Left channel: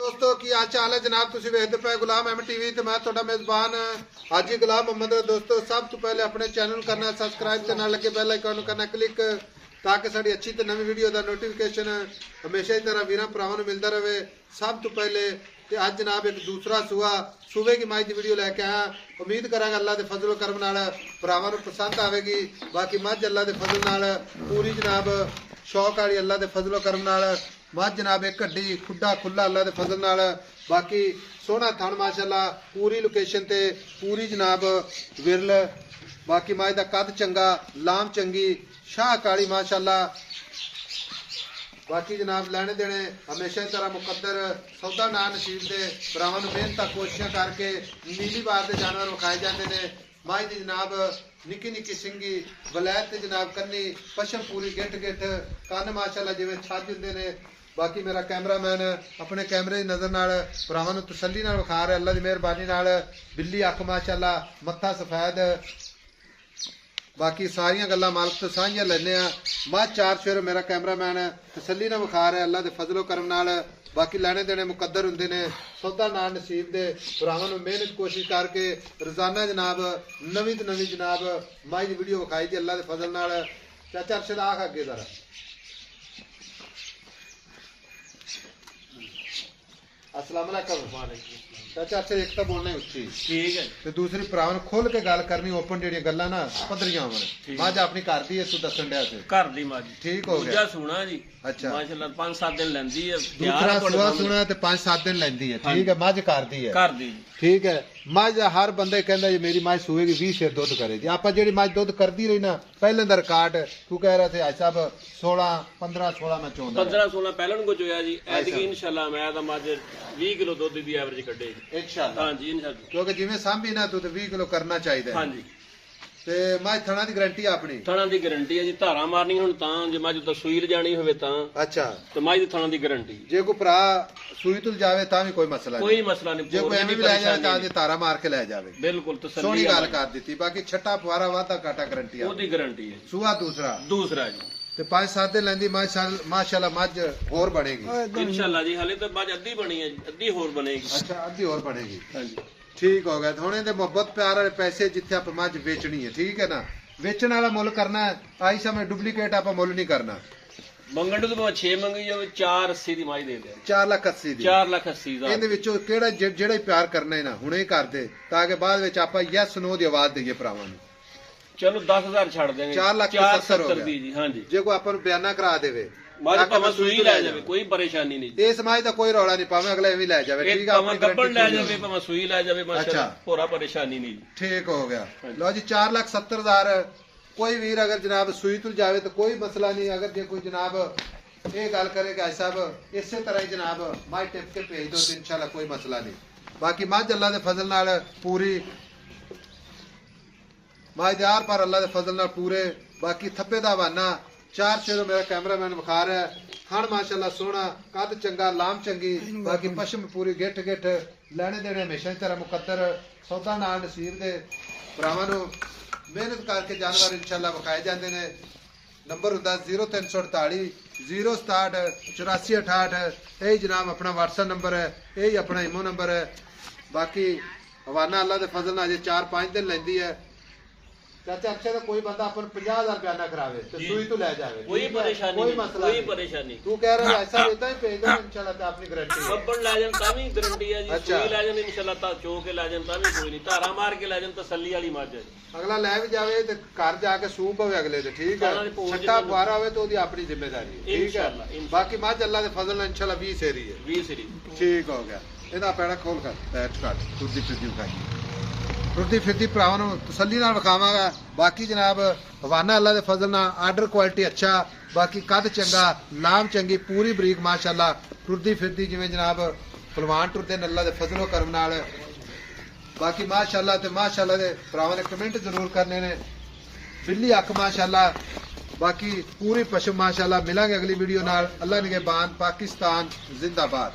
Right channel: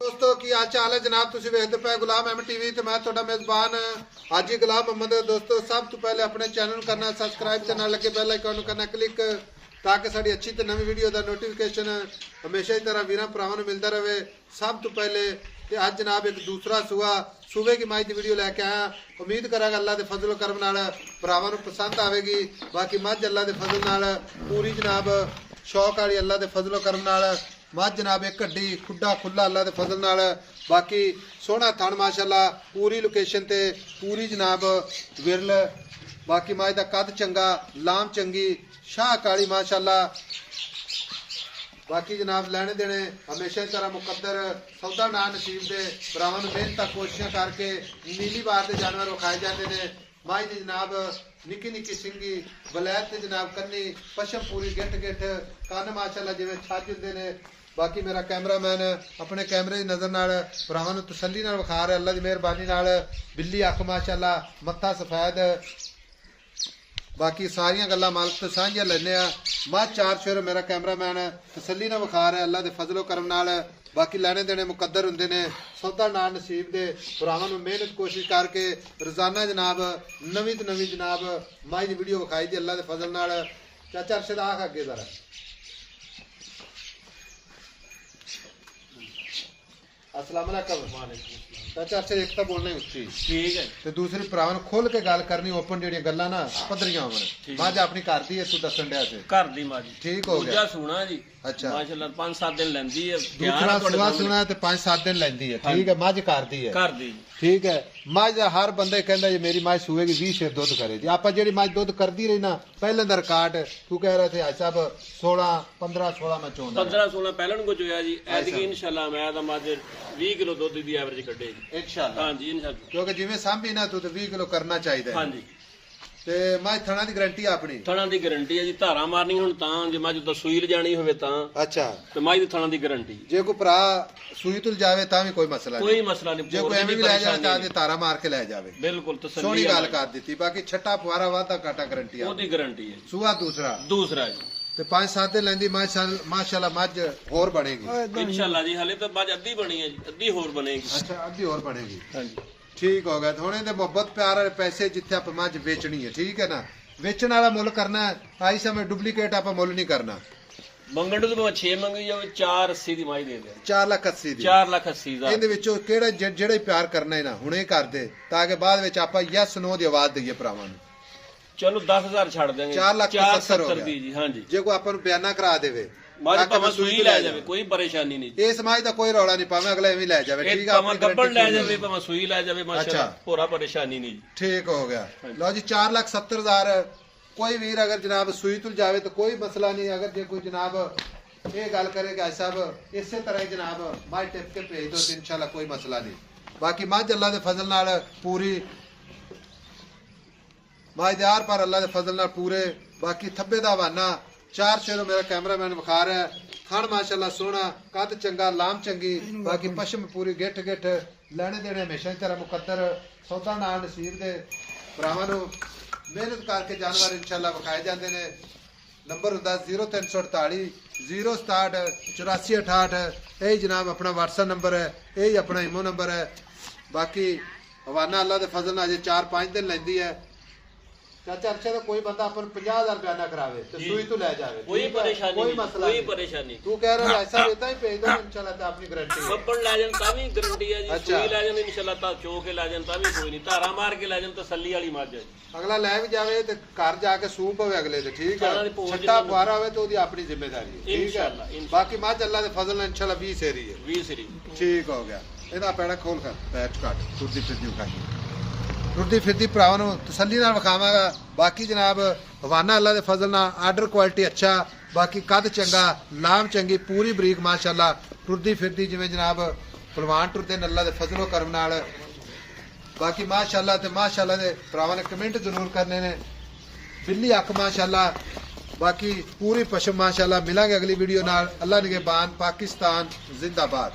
दोस्तों की हाल चाल है जनाब तुसीं वेखदे पे गुलाम एम टीवी ते मैं तुहाडा मेजबान हाजी गुलाम मोहम्मद। दोस्तों सब तो पहले अपने चैनल करना सबसक्राइब ते नाल लगे बेल आइकन करना क्लिक ताकि साडी अच्छी ते नवी वीडियो दा नोटिफिकेशन हमेशा ही तरह वीरां भरावां नूं मिलदा रहे। सब तो पहले ते अज जनाब एक दूसरा सूबे की माई दी वीडियो लैके आया। उम्मीद करांगा अल्लाह दे फजल करम नाल भरावां नूं पसंद आवेगी। बाकी मझ अल्लाह दे फजल नाल पूरी जनाब शौक वाली अल्लाह दे फजल करम नाल मझ जनाब एक हड्डी खुड्डा खुला अल्लाह दे फजल नाल। बाकी सोहना थण माशाअल्लाह पूरी लोकेशन ते पूरी जनाब विरल। बाकी मझ दा कद चंगा लाम चंगी शाह काली माशाअल्लाह। बाकी जनाब लैने देने हमेशा की तरह मुकद्दर सौदा ना नसीब दे भरावां नूं मेहनत कोशिशां करके नीली बार दे जानवर विखाए जाते हैं। माई दी जनाब निक्की निक्की सिंगी वलैत ते जनाब कन्नी पशम पूरी गिट गिट कन्न माशाअल्लाह जिवें छज हुंदे ने। बाकी मेरा कैमरामैन अपने कैमरे की नज़र नाल भरावां नूं तसल्ली नाल विखा रहा अल्लाह दी मेहरबानी नाल। बिल्ली अख माशाअल्लाह मत्था सफेद। बाकी सारियां गल्लां मालक तो साझियां लैने आ। मझ चार फिर मेरा कैमरामैन तसल्ली नाल विखा रहा अल्लाह दे फजलो करम नाल। बाकी लैने देने मुकद्दर हुंदे ने सौदा ना नसीब दे भरावां नूं मेहनत कोशिश करके रोजाना जनाब नवीं तो नवीं जनाब माई दी वीडियो विखाई दी अल्लाह दे फजल नाल। चाचा अरशद आख अगे जरा अस्सलाम वालेकुम। चाचा अरशद एक तो बोलना उच्ची ठीक है ते दूसरी भरावां नूं खुल के गल करनी ओपन जेहड़ियां गल्लां ना पद्धरियां होवन। मझ अपनी घर दी है तू दसन डया सी घर दी माजी ठीक हो दूजा गया। सुना जी अच्छा माशाल्लाह 5-7 दिन लेंदी है दूसरा सुआ सुना ते 5-7 दिन लैंदी है ठीक है। मझ घर दी है घर दी ठीक है। मझ हर बंदा कहंदा जी मेरी मझ सूएगी 20 शेर दुध करे जी। आपां जेहड़ी मझ दुध करदी रही ना पहले दा रिकॉर्ड तू कह रहे थे साहब 16-15-16 में चोंदा 15-16 पहलन को जोया जी ऐतकी इंशाल्लाह मैं दा माज 20 किलो दुध दी एवरेज कड्डेगी इंशाल्लाह। हां जी इंशाल्लाह क्योंकि जिवें सांभी ना तू ते 20 किलो करना चाहिए। हां जी ते मझ थणा दी गारंटी अपनी थणा दी गारंटी है जी धारा मारनी हुण तां जे माज तो सूई जानी होवे तां अच्छा ते माज दी थणा दी गारंटी जे कोई भरा सूई तुल जावे तां भी कोई मसला कोई नहीं। मसला नहीं जे कोई एवें भी लै जावे तां दे तारा मार के लै जावे बिल्कुल सोहनी तसल्ली गल कर दी। बाकी छट्टा फुआरा वाधा काटा गारंटी ओदी गारंटी है। सूआ दूसरा दूसरा जी ते 5-7 दिन लैंदी माशाअल्लाह मझ होर बनेगी इंशाल्लाह जी हाले तो बाद अद्धी बनी है जी अद्धी होर बनेगी। अच्छा अद्धी होर बनेगी हां जी ठीक हो गया। हुणे ते मोहब्बत प्यार वाले पैसे जिथे आप मझ बेचनी है ठीक है ना वेचण वाला मुल करना है। आई समय डुप्लीकेट आप मुल नहीं करना। ਮੰਗਣ ਨੂੰ ਤਾਂ 6 ਮੰਗੀ ਜਾਵੇ 480 ਦੀ ਮਾਈ ਦੇ ਦੇ 4,80,000 ਦੀ 4,80,000 ਇਹਦੇ ਵਿੱਚੋਂ ਕਿਹੜਾ ਜਿਹੜਾ ਹੀ ਪਿਆਰ ਕਰਨਾ ਹੈ ਨਾ ਹੁਣੇ ਕਰ ਦੇ ਤਾਂ ਕਿ ਬਾਅਦ ਵਿੱਚ ਆਪਾਂ ਯੈਸ ਨੋ ਦੀ ਆਵਾਜ਼ ਦਈਏ ਭਰਾਵਾਂ ਨੂੰ। ਚਲੋ 10,000 ਛੱਡ ਦੇਂਗੇ 4,70,000 ਦੀ ਜੀ ਹਾਂ ਜੀ ਜੇ ਕੋਈ ਆਪਾਂ ਨੂੰ ਬਿਆਨਾ ਕਰਾ ਦੇਵੇ ਮਾਜ ਭਾਵੇਂ ਸੂਈ ਲੈ ਜਾਵੇ ਕੋਈ ਪਰੇਸ਼ਾਨੀ ਨਹੀਂ ਇਸ ਸਮਾਜ ਦਾ ਕੋਈ ਰੌਲਾ ਨਹੀਂ ਪਾਵੇਂ ਅਗਲਾ ਐਵੇਂ ਲੈ ਜਾਵੇ ਠੀਕ ਆ। ਭਾਵੇਂ ਗੱਬੜ ਲੈ ਜਾਵੇ ਭਾਵੇਂ ਸੂਈ ਲੈ ਜਾਵੇ ਮਾਸ਼ਾਅੱਲਾ ਪੂਰਾ ਪਰੇਸ਼ਾਨੀ ਨਹੀਂ ਠੀਕ ਹੋ ਗਿਆ। ਲਓ ਜੀ 4,70,000 कोई वीर अगर जनाब सूई तुल जावे तो कोई मसला नहीं। अगर जे कोई जनाब ये गल करे कि साहब इसे तरह ही जनाब मझ टिप के भेज दो तो इंशाल्लाह कोई मसला नहीं। बाकी मझ अल्लाह के फजल नाल पूरी मझ दे आर पर अल्लाह के फजल नाल पूरे। बाकी थब्बे दा हवाना 4 शेरों मेरा कैमरामैन विखा रहा है। थण माशाअल्लाह सोहना कद चंगा लाम चंगी। बाकी पशम पूरी गिठ गिठ लैने देने हमेशा की तरह मुकद्दर सौदा नाल नसीब दे भरावां नूं मेहनत करके जानवर इंशाल्लाह विखाए जाते हैं। नंबर होंदा 0348 067 8468 यही जनाब अपना व्हाट्सएप नंबर है यही अपना इमो नंबर है। बाकी हवाना अल्लाह के फजल नाल 4-5 दिन लैंदी है। चाचा अच्छा तो कोई बंदा अपन 50,000 बयाना करावे तो सूई तो ले जावे कोई परेशानी कोई नहीं मसला कोई नहीं। परेशानी तू कह रहा है ऐसा लेता ही भेज दो इंशाल्लाह ते अपनी गारंटी है। ਗੱਬੜ ਲੈ ਜਾਣ ਤਾਂ ਵੀ ਗਰੰਟੀ ਹੈ ਜੀ अच्छा। ਸੂਈ ਲੈ ਜਾਣ ਇਨਸ਼ਾਅੱਲਾ ਤਾਂ ਚੋ ਕੇ ਲੈ ਜਾਣ ਤਾਂ ਵੀ ਕੋਈ ਨਹੀਂ ਧਾਰਾ ਮਾਰ ਕੇ ਲੈ ਜਾਣ ਤਸੱਲੀ ਵਾਲੀ ਮੱਝ ਹੈ ਜੀ। अगला लै भी जावे तो घर जाके सूप होवे अगले ते ठीक सारा है। दी पहुंच छट्टा बुआरा होवे तो ओदी अपनी जिम्मेदारी है ठीक इंशाअल्लाह, है। इंशाअल्लाह। बाकी मझ अल्लाह दे फजल नाल इंशाअल्लाह 20 सेरी है 20 ਸਰੀ ठीक हो गया। ਇਹਦਾ ਪੈਣਾ ਖੋਲ ਕਰ ਪੈਚ ਕਰ ਤੁਰਦੀ ਫਿਰਦੀ ਕਰ ਤੁਰਦੀ ਫਿਰਦੀ ਭਰਾਵਾਂ ਨੂੰ ਤਸੱਲੀ ਨਾਲ ਵਿਖਾਵਾਂਗਾ। ਬਾਕੀ ਜਨਾਬ ਹਵਾਨਾ ਅੱਲਾਹ ਦੇ ਫਜ਼ਲ ਨਾਲ ਆਰਡਰ ਕੁਆਲਿਟੀ ਅੱਛਾ। ਬਾਕੀ ਕੱਦ ਚੰਗਾ ਲਾਮ ਚੰਗੀ ਪੂਰੀ ਬਰੀਕ ਮਾਸ਼ਾਅੱਲਾ ਤੁਰਦੀ ਫਿਰਦੀ ਜਿਵੇਂ ਜਨਾਬ ਪਹਿਲਵਾਨ ਟੁਰਦੇ ਨੇ ਅੱਲਾਹ ਦੇ ਫਜ਼ਲੋ ਕਰਮ ਨਾਲ। बाकी माशाअल्लाह ते माशाअल्लाह दे भरावां ने कमेंट जरूर करने ने। बिल्ली अख माशाअल्लाह बाकी पूरी पशम माशाअल्लाह। मिलांगे अगली वीडियो नाल। अल्लाह निगहबान पाकिस्तान जिंदाबाद।